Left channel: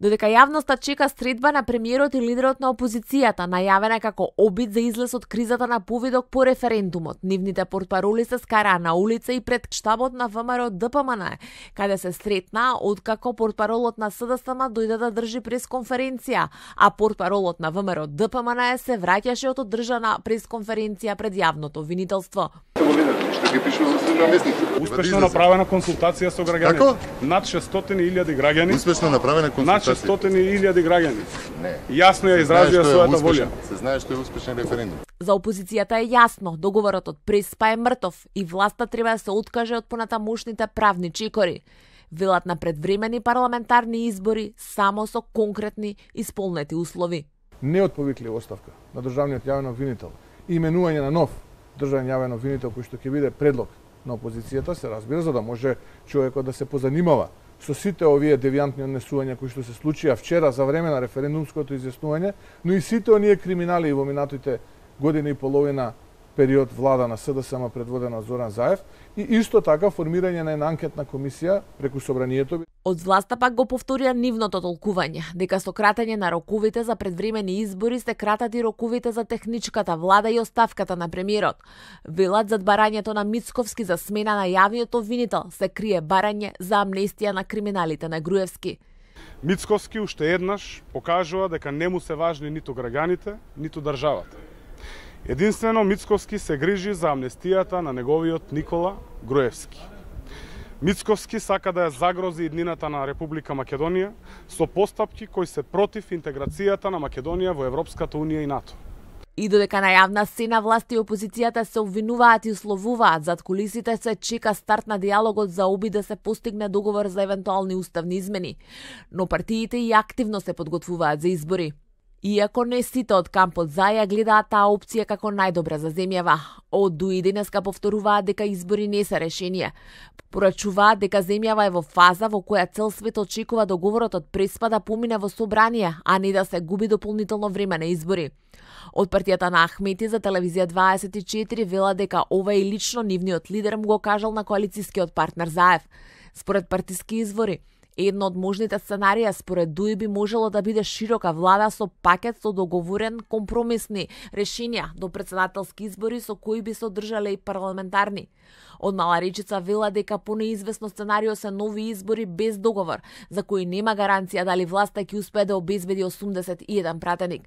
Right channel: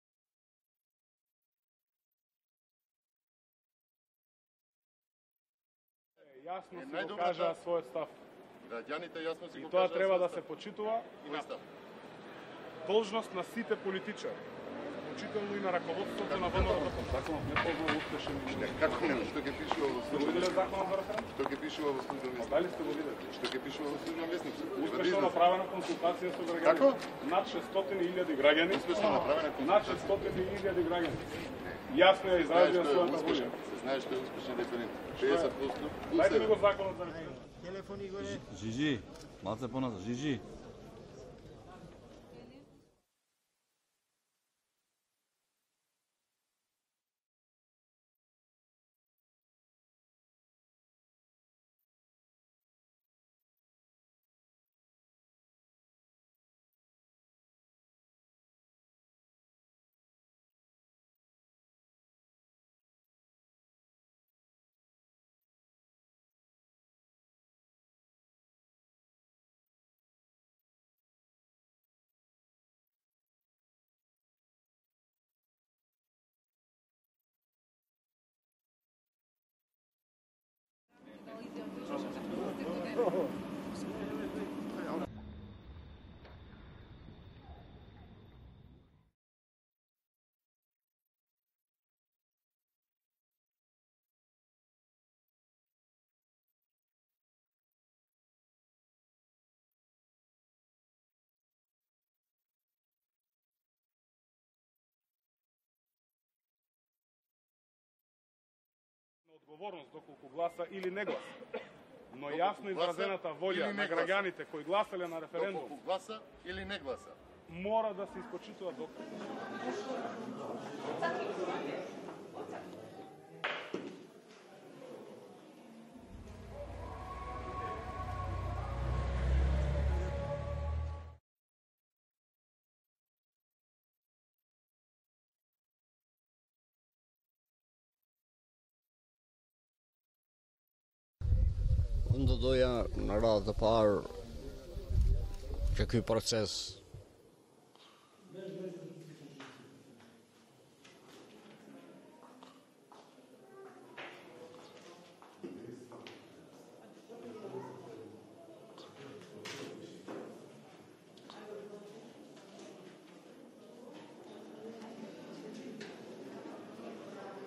Додека јавноста чека средба на премиерот и лидерот на опозицијата, најавена како обид за излез од кризата на повидок по референдумот, нивните портпароли се скараа на улица и пред штабот на ВМРО ДПМН, каде се сретнаа откако портпаролот на СДСМ дојде да држи пресконференција, а портпаролот на ВМРО ДПМН се враќаше од одржана пресконференција пред јавното обвинителство. Успешно направена консултација со граѓаните. Како? Над 600.000 граѓани. Успешно направена консултација. Над 600.000 граѓани. Не. Јасно ја изразија својата волја. Се знае што е успешен референдум. За опозицијата е јасно, договорот од Преспа е мртов и власта треба да се откаже од понатамошните правни чекори. Велат на предвремени парламентарни избори само со конкретни исполнети услови. Неотповитлива оставка на државниот јавен обвинител и именување на нов државен јавен обвинител кој што ќе биде предлог на опозицијата, се разбира, за да може човекот да се позанимава со сите овие девијантни однесувања кои што се случија вчера за време на референдумското изјаснување, но и сите оние криминали во минатите година и половина период влада на СДСМ предводена од Зоран Заев и исто така формирање на една анкетна комисија преку собранието. Од власта пак го повторија нивното толкување, дека со кратење на роковите за предвремени избори се кратат и роковите за техничката влада и оставката на премиерот. Велат зад барањето на Мицковски за смена на јавниот обвинител се крие барање за амнестија на криминалите на Груевски. Мицковски уште еднаш покажува дека не му се важни ниту граѓаните, ниту државата. Единствено Мицковски се грижи за амнестијата на неговиот Никола Груевски. Мицковски сака да ја загрози иднината на Република Македонија со постапки кои се против интеграцијата на Македонија во Европската унија и НАТО. И додека на јавна сцена власти и опозицијата се обвинуваат и условуваат, зад кулисите се чека старт на диалогот за обид да се постигне договор за евентуални уставни измени. Но партиите и активно се подготвуваат за избори. Иако не сите од кампот за ја гледаат таа опција како најдобра за земјава, од дуи денеска повторуваат дека избори не се решение. Порачуваат дека земјава е во фаза во која цел свет очекува договорот од Преспа да помине во собрание, а не да се губи дополнително време на избори. Од партијата на Ахмети за телевизија 24 вела дека ова е лично нивниот лидер му го кажал на коалицијскиот партнер Заев. Според партиски извори, едно од можните сценарија според Дуи би можело да биде широка влада со пакет со договорен компромисни решенија до претседателски избори со кои би се одржале и парламентарни. Од мала речица вела дека по неизвестно сценарио се нови избори без договор, за кои нема гаранција дали власта ќе успее да обезбеди 81 пратеник.